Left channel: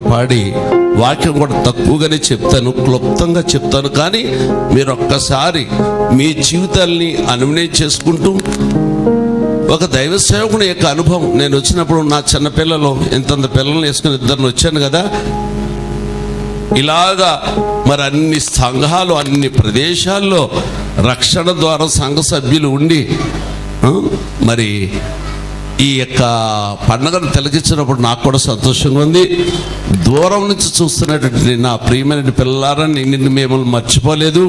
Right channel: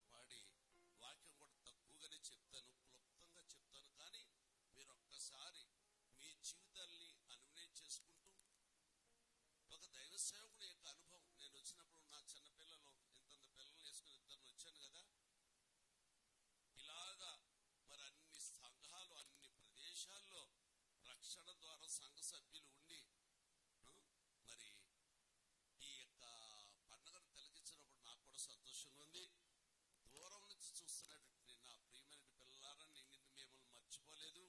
పాడి వాక్యం కూడా తక్కువగానే చెప్తాను, క్లుప్తంగా చెప్తాను. కానీ మీరు ఒక్కసారి మీ జీవితాల్ని అన్వయం చేసుకుంటూ ఒక దైవ సేవకుని యొక్క అనుభవం, నేను వచ్చినప్పుడు నా చిన్నపిల్లలు ఇంతంత పిల్లల్ని వేసుకుని ఇద్దరిని వచ్చాను కదా, ఇలాగా మరి అన్ని సంఘాలు అన్ని ప్రదేశాల్లో రక్షణ ద్వారా సంఘ సభ్యులు ఉండి మరి ఈ యొక్క పండుగను తిలకించినప్పుడు నాకు కూడా సంతోషంగా ఉంది. దూరం నుంచి చూస్తున్నటువంటి నా ప్రియమైన పిల్లలారా, నిన్ను మిమ్మల్ని మర్చిపోలేదు,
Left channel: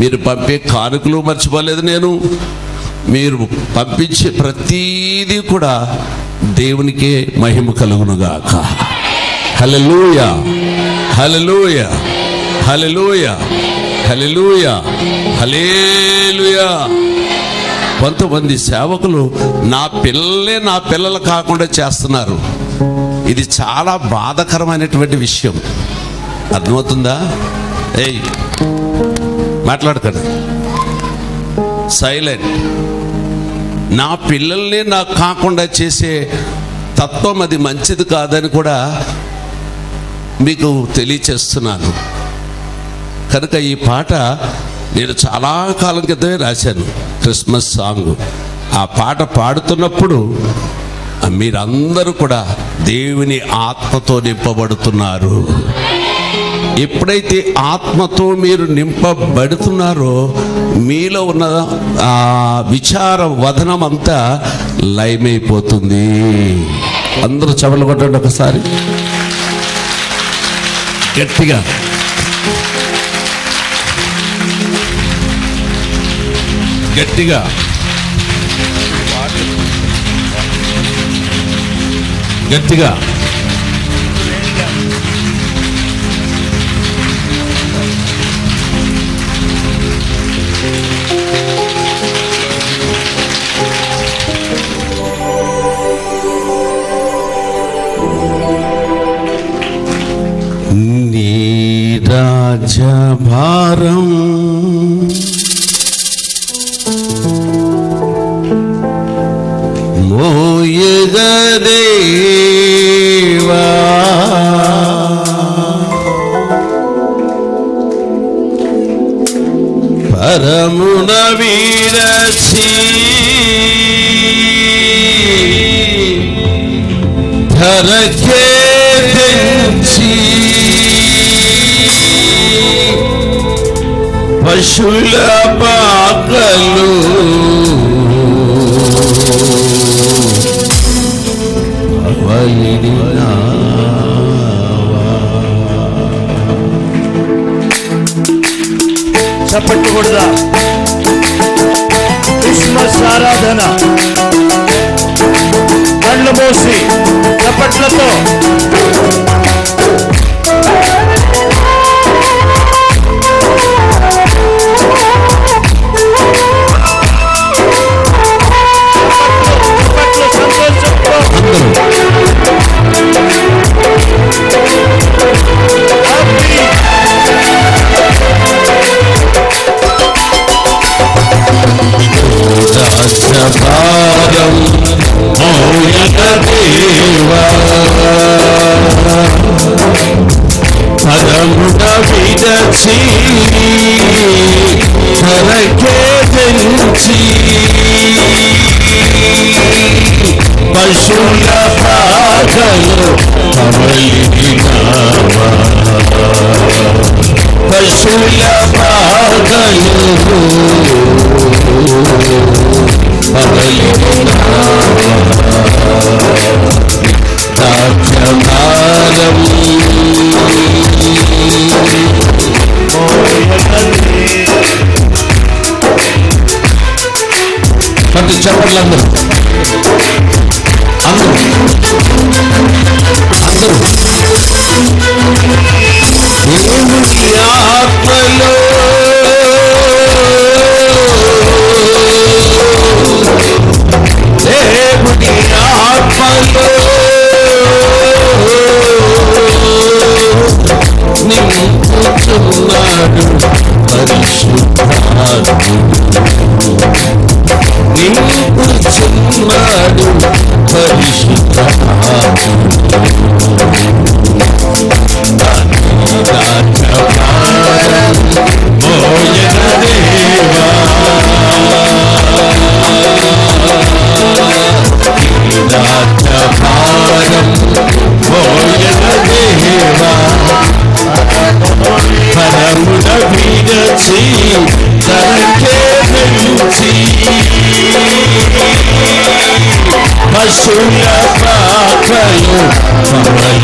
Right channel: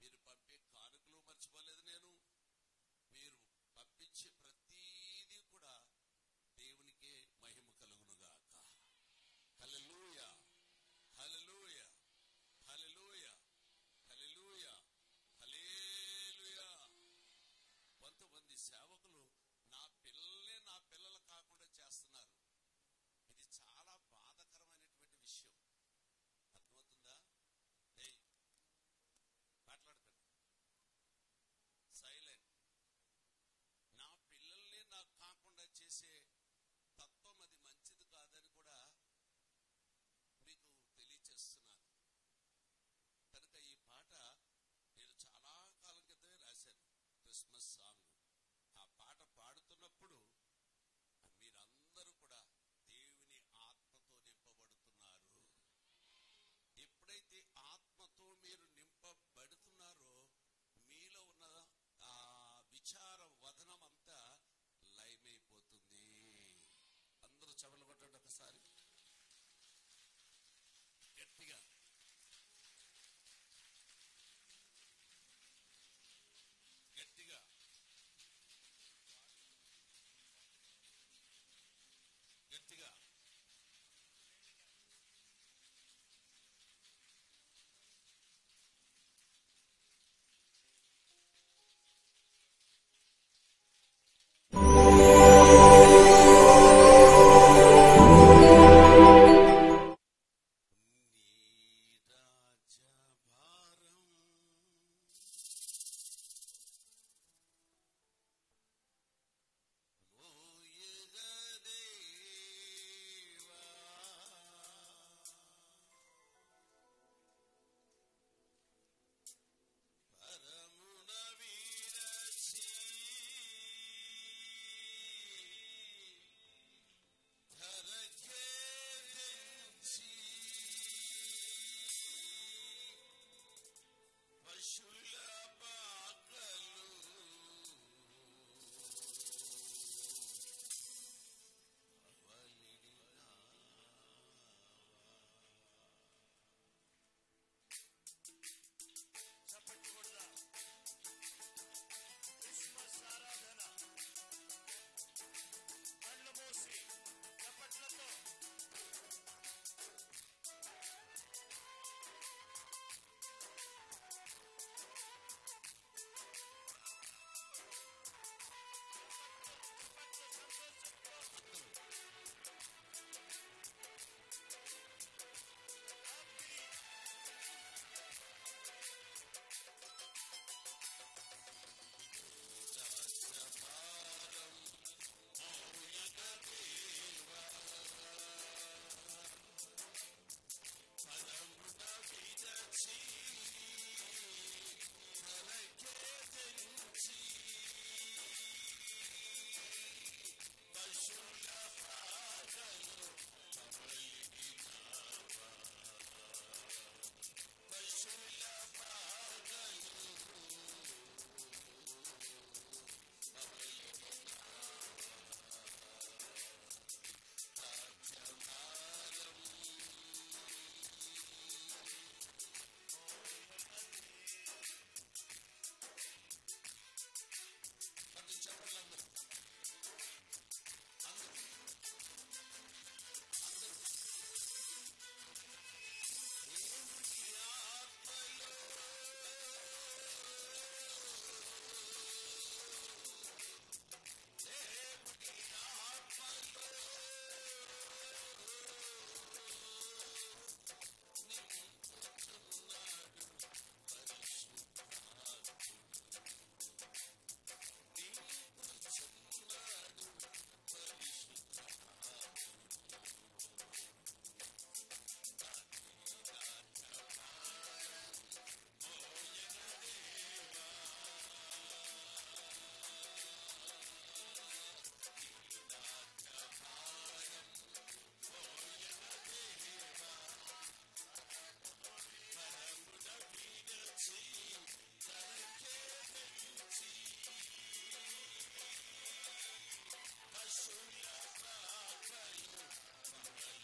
మీరు పంపే కానుకలు మర్చిపోలేదు. నేను మీరు పంపించే ప్రతీదీ కూడా దేవునికే మహిమ కలుగునుగాక. హల్లెలూయా, హల్లెలూయా, హల్లెలూయా, హల్లెలూయా, హల్లెలూయా. కొంతమంది సేవకులు నా పిల్లలు కాకుండా చేస్తున్నారు. ఇది చాలా బాధాకరమైనటువంటి విషయం. అర్థమవుతుందా? ఏయ్ మాట్లాడకండి, సైలెంట్. నా పిల్లల్ని నాకు కాకుండా చేసే తత్వం అది మంచిది కాదని కూడా మీకు తెలియచేస్తున్నాను. కనుక ఈ పాట నేను చాలా కాలం క్రితమే రాశాను, క్రిస్మస్ సాంగ్. ఆ పాట పాడుతున్నప్పుడు మీరందరూ కూడా దేవుని ఆత్మతో నింపబడుతున్నారు. ఎప్పుడైతే ఆత్మతో మీరు నింపబడుతున్నారో మీలో ఉన్న ఆ విచార వదనం అంతా లయమైపోతుంది. అందరూ చెవులు కొట్టండి ఒకసారి గట్టిగా. గట్టిగా గట్టిగా నీ రాజ్యభారం మోయగదేవా, పరమున విరచి ధరకే తెంచి పశుల పాకలు చెప్పకూడదా? క్రిస్మస్ ఆరాధన కళ్ళు మూసి చప్పట్లతో సంతోషంతో రాజ్యభారం మోయగదేవా, పరమున విరచి ధరకే తెంచి పశుల పాకలు కమలినావా, పశుల పాకలు రాజ్యభారం ప్రతి చెప్పట్లు అందరూ అందరూ అందరూ దేవుని ఆత్మలో దేవుని ఆత్మలో నింపుతున్నాడు పరిశుద్ధాత్ముడు, నింపుతున్నాడు పరిశుద్ధాత్ముడు.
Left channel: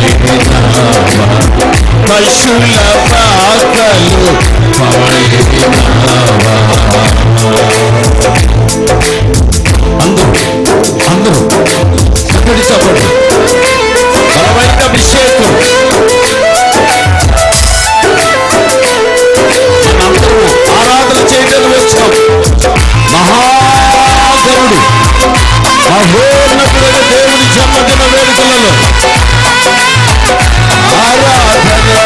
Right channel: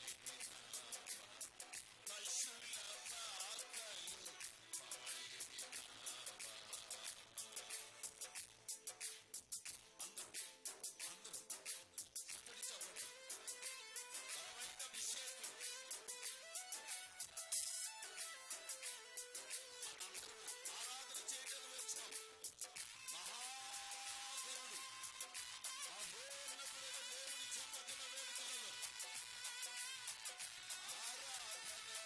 పవళినావా పశుల పాకలు పవళినావా. అందరూ చక్కటి చప్పట్లు, బలమైన అభిషేకం. అందరూ ఆరాధన చేయడానికి వచ్చాం. మహాగరుడు మహోన్నతుడైన దేవుని జన్మదిన వేడుకలలో ఆరాధన.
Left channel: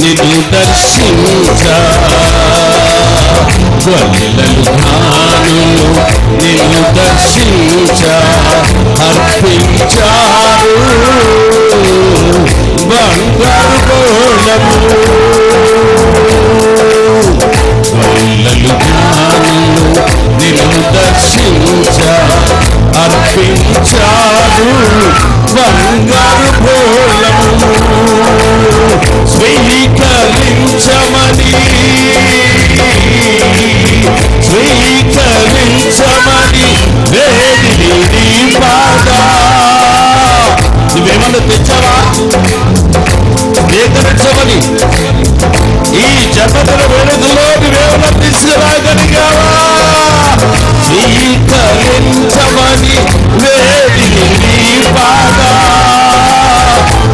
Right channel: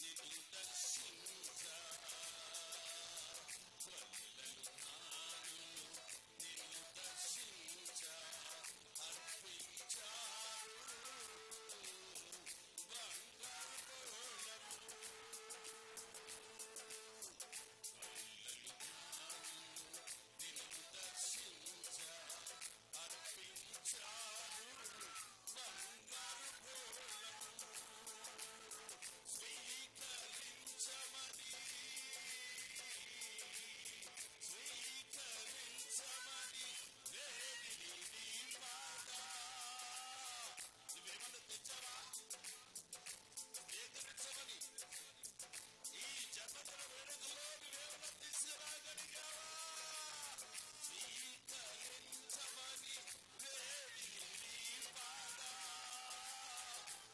నిన్ను దర్శించా నిన్ను దర్శించా అర్పించారు బంగారు గోళము. నిన్ను దర్శించా అర్పించారు బంగారు గోళము. స్వీకరించమని వేదిని నీ పాదా. నువ్వేమన్నా తెచ్చావా? స్వీకరించమని ఈ జన్మదిన వేడుకలో నువ్వేమన్నా తీసుకురాగలిగావా? స్వీకరించమని వేదిని నీ పాదా.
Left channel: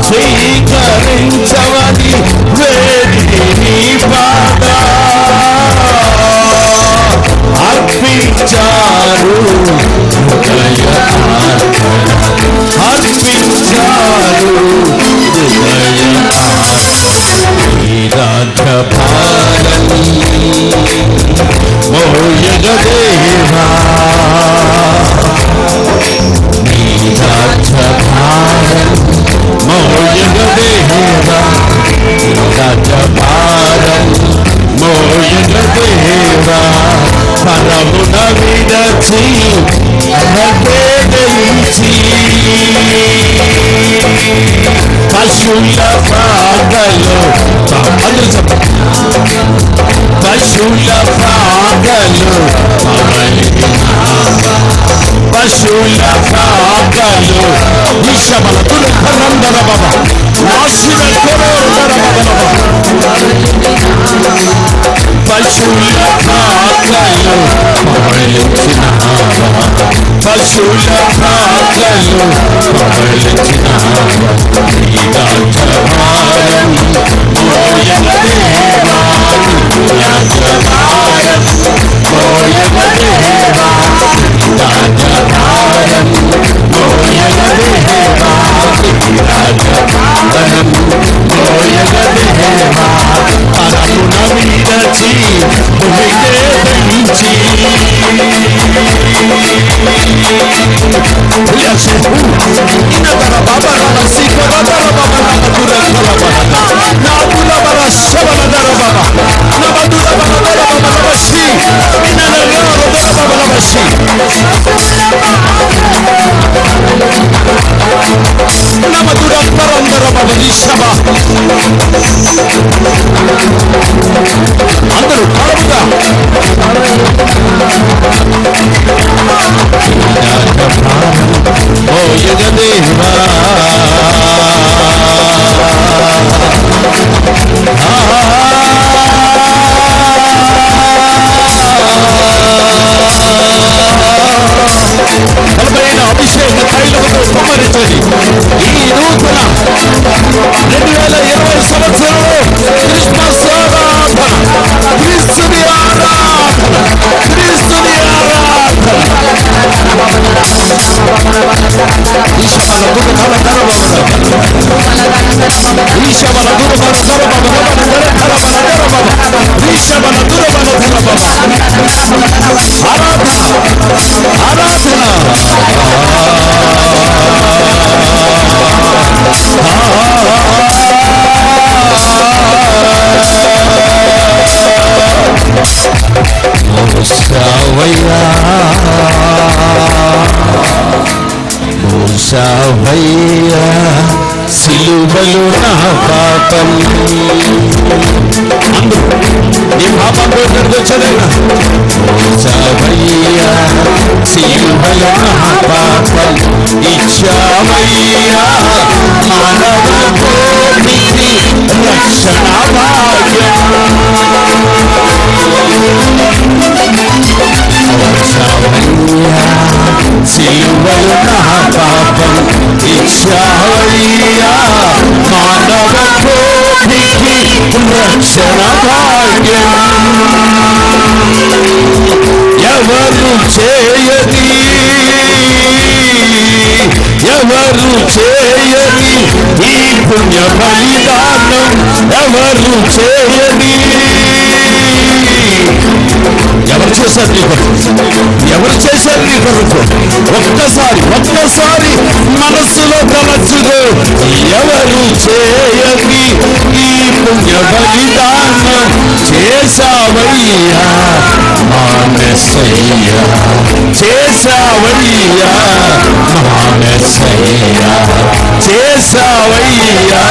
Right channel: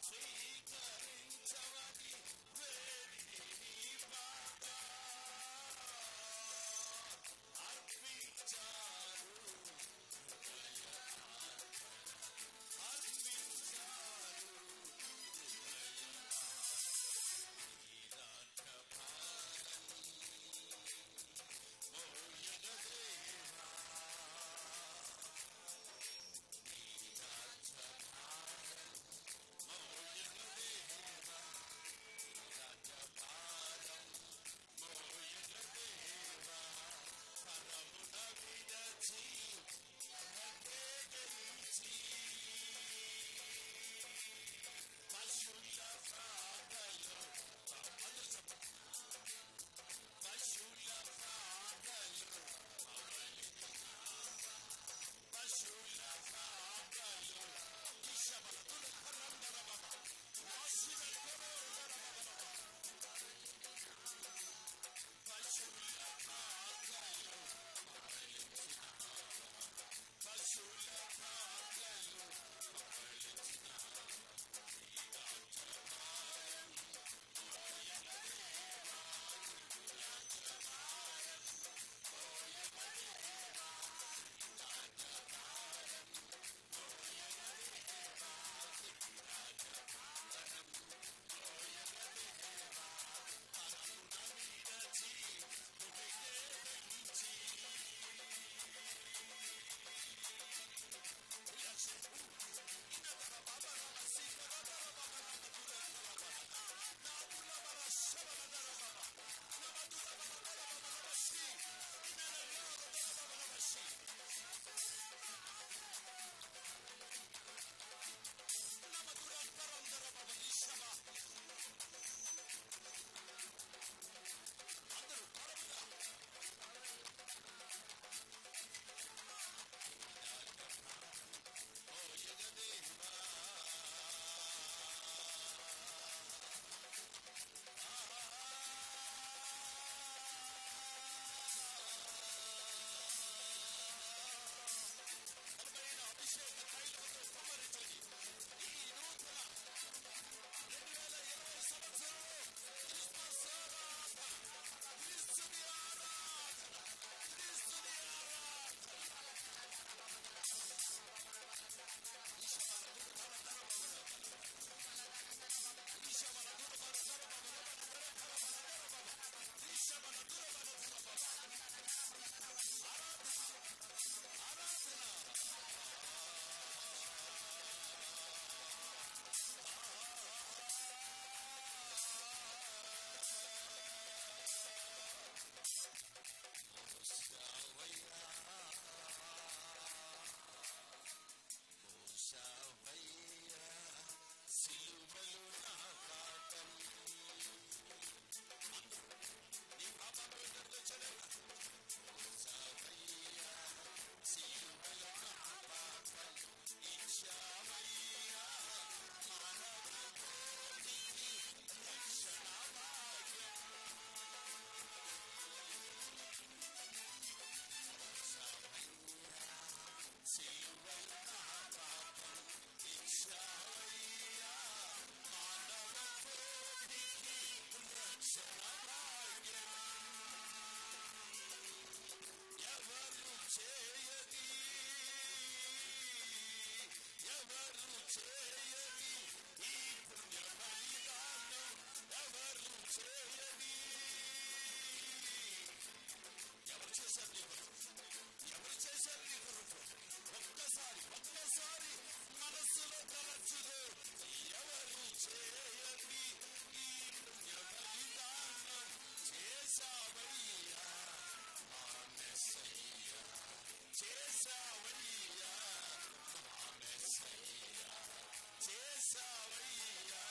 స్వీకరించమని వేదిని నీ పాదా. అర్పించారు అర్పించారు రాజ్యభారం మోయగదేవా. నీ రాజ్యభారం మోయగదేవా. రాజ్యభారం మోయగదేవా. పరమున విడచి గెలిచి పశుల పాగలు అందరూ చెప్పండి. పశుల పాగలు పశుల పాగలు విషమల తులందర బాబా నాశిన పశుల పాగలు పశుల పాగలు పవళించిన రాజ్యభారం మోయగదేవా. రాజ్యభారం మోయగదేవా. రాజ్యభారం మోయగదేవా. రాజ్యభారం మోయగదేవా. పరమున విడచి భూమికే పెంచి అందరూ ఓ యుగదేవా. బలమైన అభిషేక తైలముతో కుమ్మరించండి. ఈ నూతన 2020 సంవత్సరంలో క్రిస్మస్ ఆరాధన, క్రీస్తుని ఆరాధన, క్రీస్తుని ఆరాధన. ఈశమల దుర్గధర ధరబల ఈశమల దుర్గధర ధరబల ధరబల ధరబల ఈశమల దుర్గధర ధరబల ఆరాధన ఆరాధన. మోసావయ్యా చావయ్యా సిలువలో నా పాపం. నీ పాపం పోయినట్టు వచ్చాడైనా. చావయ్యా సిలువలో నా పాపం ఇచ్చావయ్యా మానవ కోటికి రక్షణ భాగ్యం. సిలువలో నా పాపం ఇచ్చావయ్యా మానవ కోటికి రక్షణ భాగ్యం. ఎవరు చేయని ఈ పుణ్య బలిదానం ఎవరు చేయని. ఎవరు చేశారు నీ కొరకు? ఎవరు చేశారు నీ కొరకు? ఒక్కసారి మనస్సులో తలచుకో. ఎవరు చేయని ఈ పుణ్య బలిదానం చేశావయ్యా మా మెస్సయ్యా. చేశావయ్యా మా మెస్సయ్యా. చేశావయ్యా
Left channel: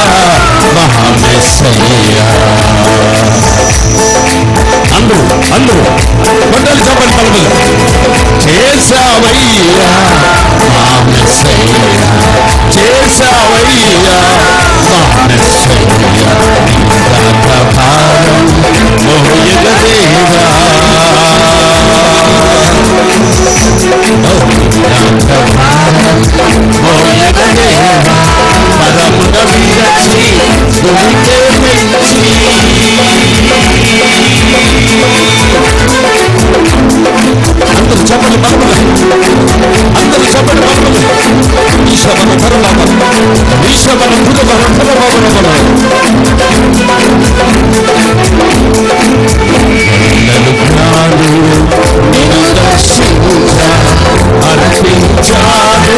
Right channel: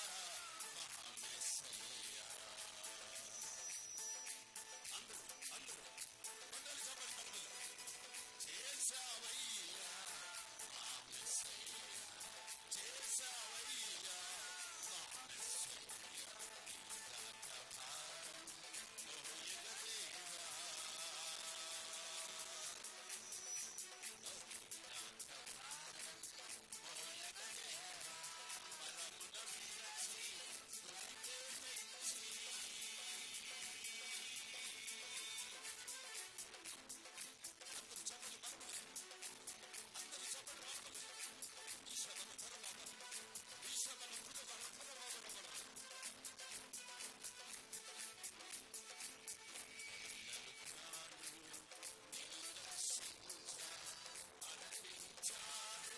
మా మెస్సయ్యా. అందరూ కొండలు చెప్పండి పలుకులు. చేశావయ్యా మా మెస్సయ్యా. చేశావయ్యా మా మెస్సయ్యా. భారం మోయగదేవా మోయగదేవా పదమున విరచి గురికే పెంచి. అందరూ చెప్పండి పలుకులు. ఈశవన ధరలాభ ఈశవన ధరబాబు నిన్ను దర్శించ అర్పించాడు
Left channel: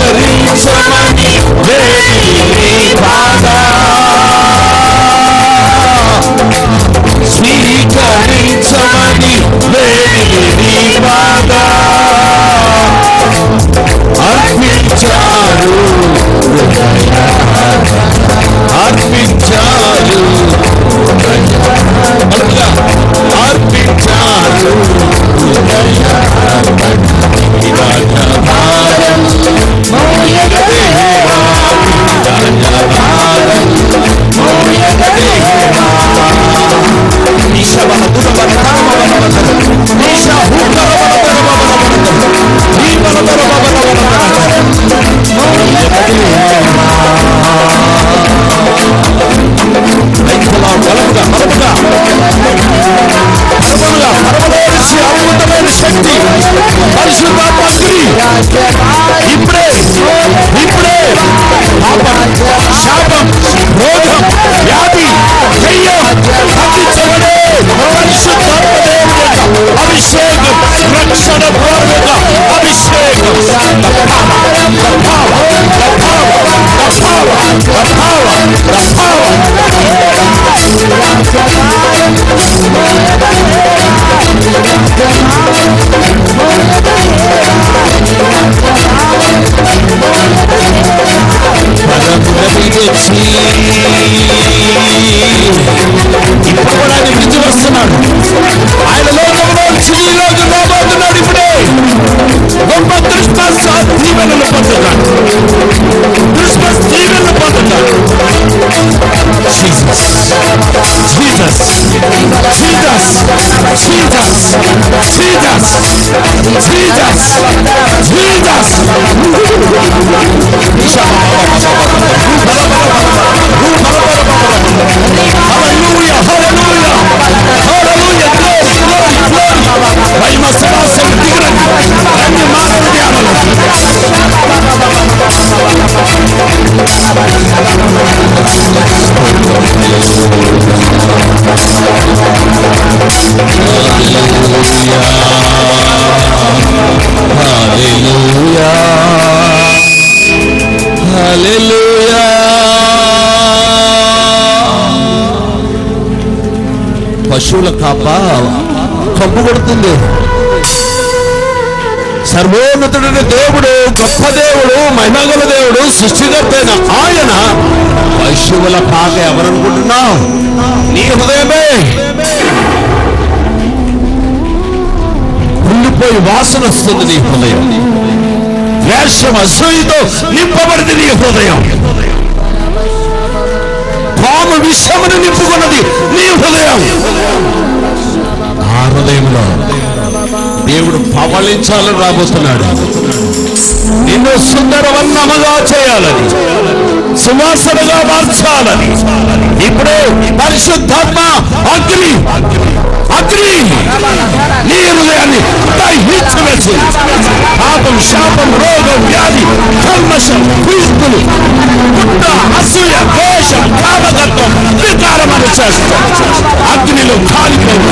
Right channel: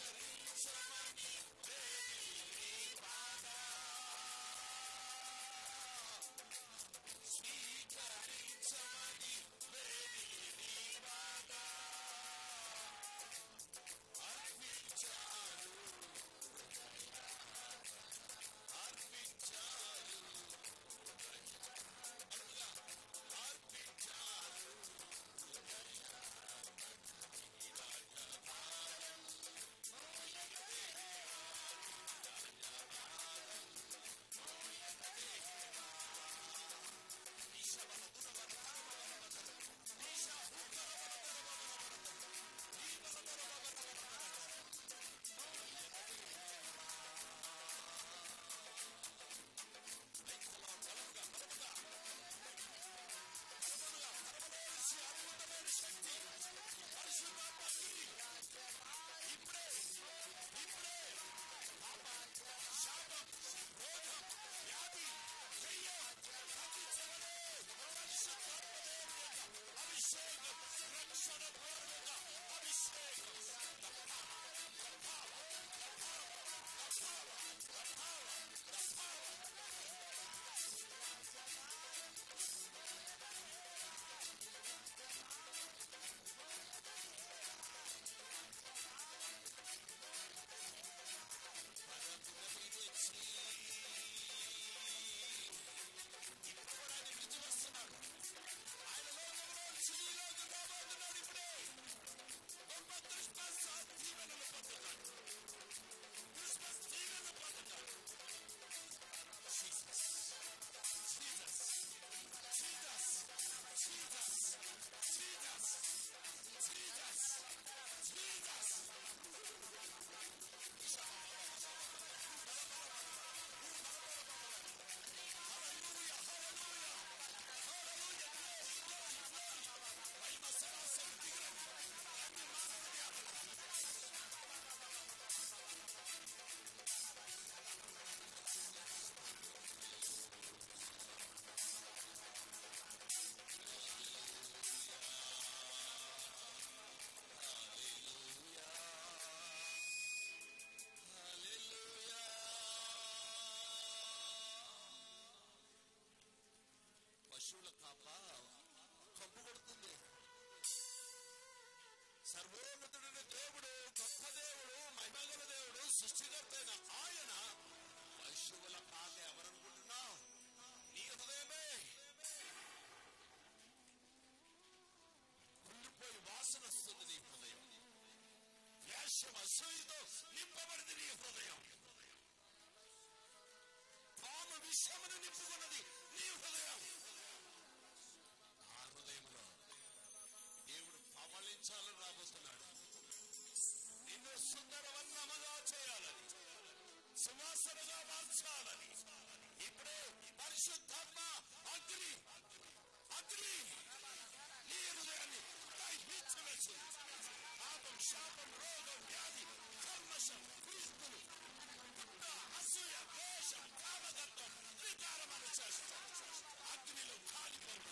స్వీకరించమని వేడి బాగా. స్వీకరించమని వేడి బాగా అర్పించారు అర్పించారు అర్పించారు. అద్భుతమైన శక్తి పరిశుద్ధాత్మ ఇప్పుడే శాపం రోగం వ్యాధి దయ్యం తగ్గించబడే పరిశుద్ధాత్మ దేవుని యొక్క అభిషేకం రక్షణ పూర్వక అభిషేకం. ఇప్పుడు కూడా ఆయన విడిచి వస్తున్నాడు. ఆయన లోకంలో చిలీలోకి రాబోతున్నాడు. ఇప్పుడే గొప్ప క్రిస్మస్ దీవెనలు పొందుతాడు. క్రిస్మస్ దీవెనలు పొందుతాడు. Jesus Jesus Jesus Jesus Jesus Jesus Jesus. Hallelujah, hallelujah, hallelujah, glory, glory, glory. మహిమ సింహాసనం దిగురండి. రండి మానవ ధ్యానంలో. Hallelujah, hallelujah. పశువుల కాప కంపు కొడుతుంది. సర్వోన్నతుడైన దేవుడు, గొప్ప దేవుడు, మహిమగల దేవుడు, సృష్టికర్త అయిన ఆయన పశువుల పాక ఎవరనుకుంటున్నావు? నీ హృదయమే. కుళ్ళిపోయి వాసన వస్తుంది నీ హృదయం. ద్వేషం, అసూయతో నింపబడింది నీ హృదయం. పాము విషమును నింపుకున్నది నీ హృదయం. ఆ హృదయంలో దేవుడు పవళించాలని రాబోతున్నాడు. నిన్ను సుందరవర్ణముగా చేయాలని, సువాసనగా మార్చాలని ఇప్పుడు పరిశుద్ధాత్మ అగ్ని అగ్ని నీ హృదయాన్ని దహించవచ్చు. పాపం, శాపం, రోగం, వ్యాధి, కల్మషం, క్రీస్తులు, పుట్ట, అసూయ, దోషం, కామగత్వం, వికారమని చేస్తాం. అగ్నిలో కాలిపోవు,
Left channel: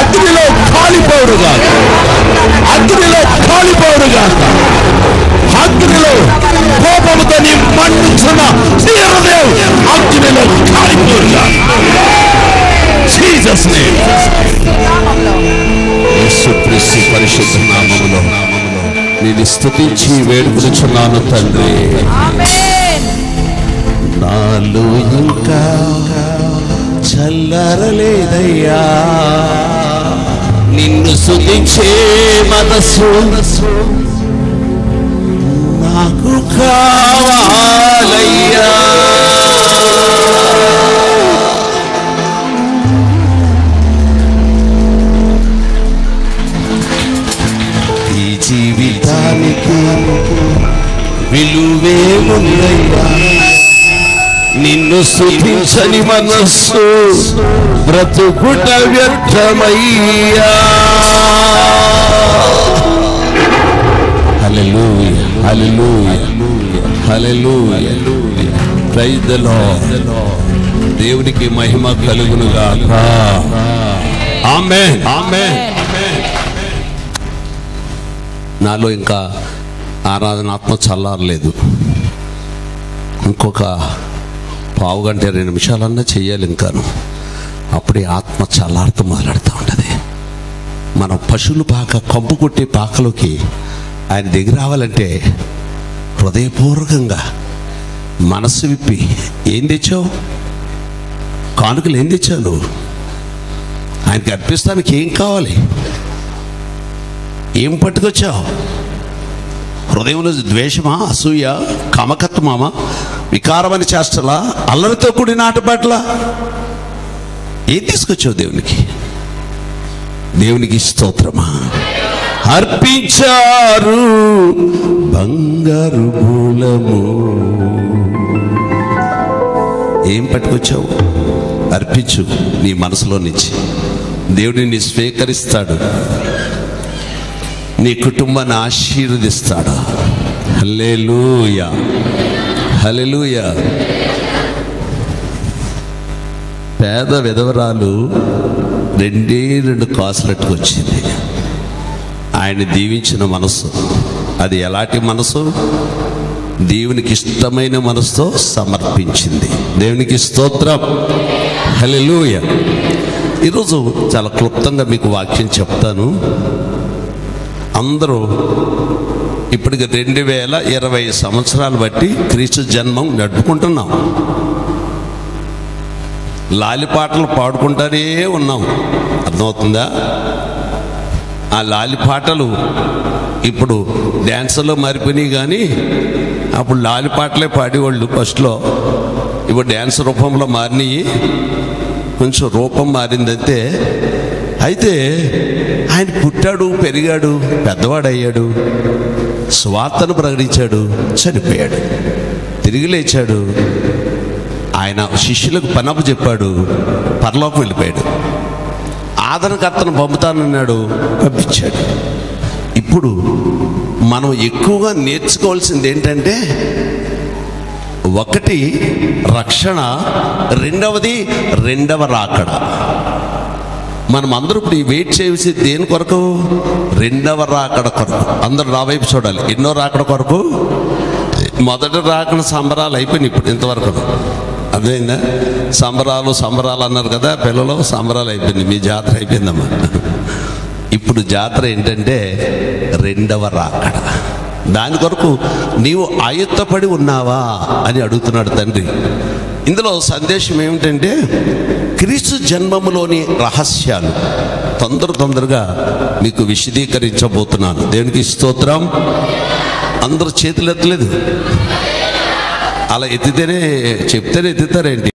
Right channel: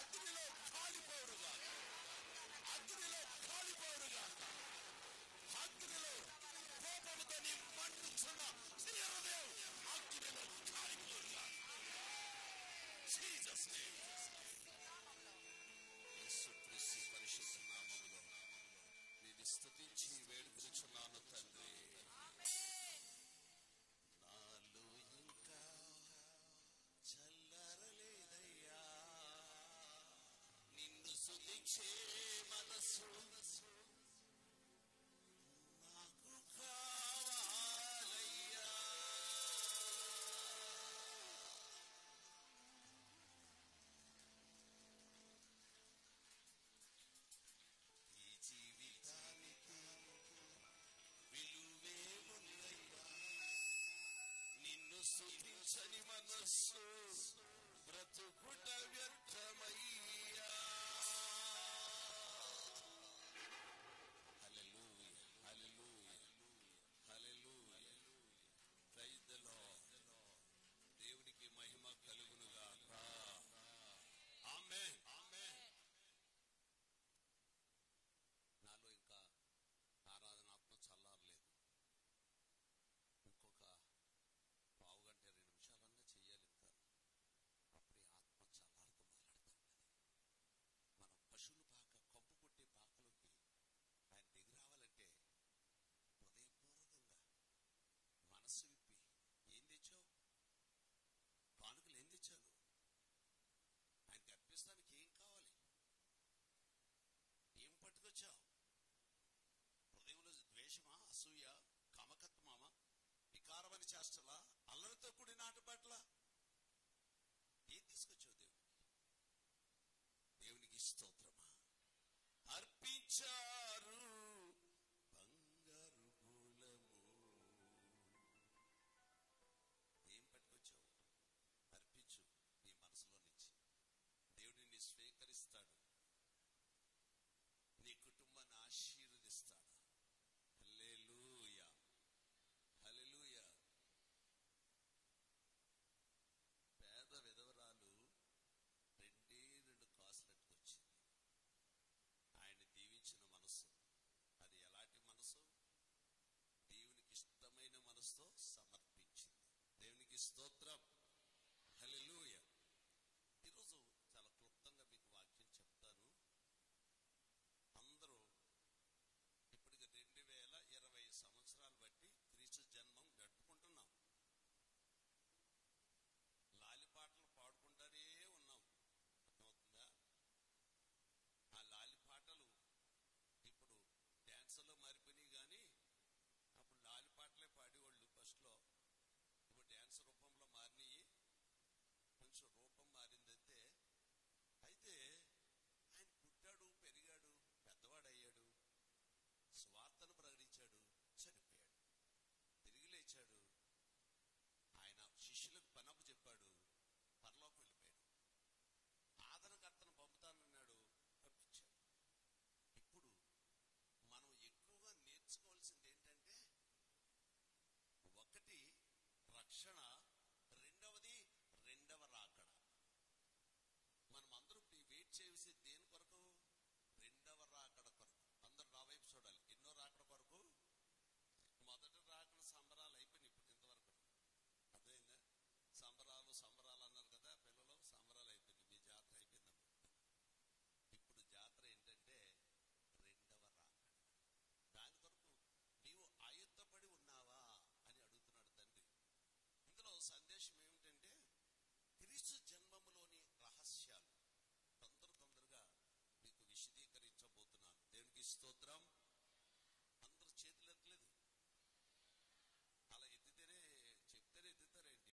అగ్నిలో కాలిపోవుడుగా, అగ్నిలో కాలిపోవుడుగా, అగ్నిలో కోపముతో నీ మండుచున్న నీ హృదయం అగ్నిలో కాలిపోవుడుగా. Jesus name. యేసుక్రీస్తు పరిశుద్ధ నామములో నేను స్తుతించి వేడుకొనుచున్నాను తండ్రి. నాలో ఇంకా చల్లరలేదయ్యా నిన్ను స్తుతించే మనసు నాకు కావాలయ్యా. జీవితానికి విలువేముందయ్యా నిన్ను స్తుతించని మనస్సు బ్రతుకుట వ్యర్థమయ్యా. Hallelujah, hallelujah, hallelujah. Praise the Lord. దేవునికి మహిమ కలుగును గాక. ఆమేన్, ఆమేన్. నాలో ఇంకా ఆరాధనాత్మ చల్లారలేదు. ఇంకొక పావు గంట 20 నిమిషాలన్నా చెయ్యాలి ఇంకాను. అప్పుడే ఆత్మ చల్లారుతూ మొదలెడుతూ ఉంటుంది. మనం పశువుల పాక, కంపు కొట్టే పాకలోకి ఆయన దగ్గర రావాలంటే హృదయపూర్వకంగా మనస్సు విప్పి, ఏం తెచ్చావు? కానుకలు ఏం తెచ్చావు నువ్వు? ఆయనకి అర్పిస్తానికి ఏం కావాలి? ఏం పట్టుకొచ్చావు? హృదయంలో ద్వేషమా, అసూయ, కామకత్వమా, వికారమని చేష్టలా, అల్లరితో కూడిన ఆటపాట్ల? ఏం తీసుకొచ్చావు దేవునికి? దేవునికి స్తోత్రమా. అర్పించారు బంగారు మూలము. ఏం పట్టుకొచ్చావు? అర్పించు నీ మనసులో నుంచి. దేవుడిని స్వీకరిస్తాడు, నీ కుటుంబాన్ని ఆశీర్వదిస్తాడు. హల్లెలూయా, హల్లెలూయా. పేద విధవరాలు 2 కాసులట్టుకు వచ్చింది. ఆయన దీవించిన మనసు, అది ఎలాంటి మనసు? దేవునికి ఇష్టమైన మనసుతో సమర్పించింది. దేవునికి స్తోత్రం. హల్లెలూయా. ఈరోజు చాలా క్లుప్తంగా మీకు వాక్యం చెప్తాను. అందరూ ఇప్పటికి 2020 సంవత్సరాలు బట్టి క్రీస్తు జన్మం నడుపుకుంటున్నాం. లాలిపాటలు పాడుకుంటానే ఉన్నాం. అర్థమవుతుందా? ఆ లాలిపాటలు ఇప్పుడు డ్యాన్సులో మారిపోయినాయి. కానీ అప్పుడు లాలిపాటలే పాడేవాళ్ళు ఫస్ట్లో. ఇప్పుడు డ్యాన్స్ రూపంలో మారినాయి. కొంచెం రూపం మారిందంతే. అయితే ఆయన పుట్టాడు, పెరిగాడు, పెద్దవాడయ్యాడు, స్వార్థను ప్రకటించాడు, చనిపోయాడు, తిరిగి లేచాడు. ఆయన శిష్యులకు పనపు చెప్పాడు, పరలోకం వెళ్ళిపోయాడు. ఆదరణకర్తను పంపుతానన్నాడు, పంపించాడు. ఇప్పుడు మనం ఎక్కువగా నేర్చుకోవాల్సింది ఏంటంటే, ఒకటి రక్షణ, రెండవది రెండవ రాకడ. మనం అందరూ ఇప్పుడు వెయిట్ చేసి దేని కొరకు? రెండవ రాకడ కొరకు. అందరూ నా వైపు చూడాలి. ఎన్నో రాకడ కొరకు? మొదటి రాకడ సంబరాలు అయిపోయినాయి ఇప్పుడు ఇంతవరకు. అదేందా? సంబరాలు అన్నారు కదా పిల్లలు, సంబరాలు అయిపోయింది. మీ జాతర అయిపోయిందమ్మా. ఇప్పుడు జాతర ఏంటంటే రెండవ రాకడ. దాని కొరకు నీవు ఆయుత్తపడి ఉన్నావా అని అడుగుతున్నాడు తండ్రి. ఇందులో సందేశం ఏమిటంటే క్రీస్తు జన్మములోని రహస్యాలు తొందరగా మీకు విశదీకరించబోతున్నాను. దేవునికి స్తోత్రం. అందరూ చేతులు ఎత్తలేదు, అలా ఎత్తితేనే చెప్తేనే ఎత్తుతారేంటి?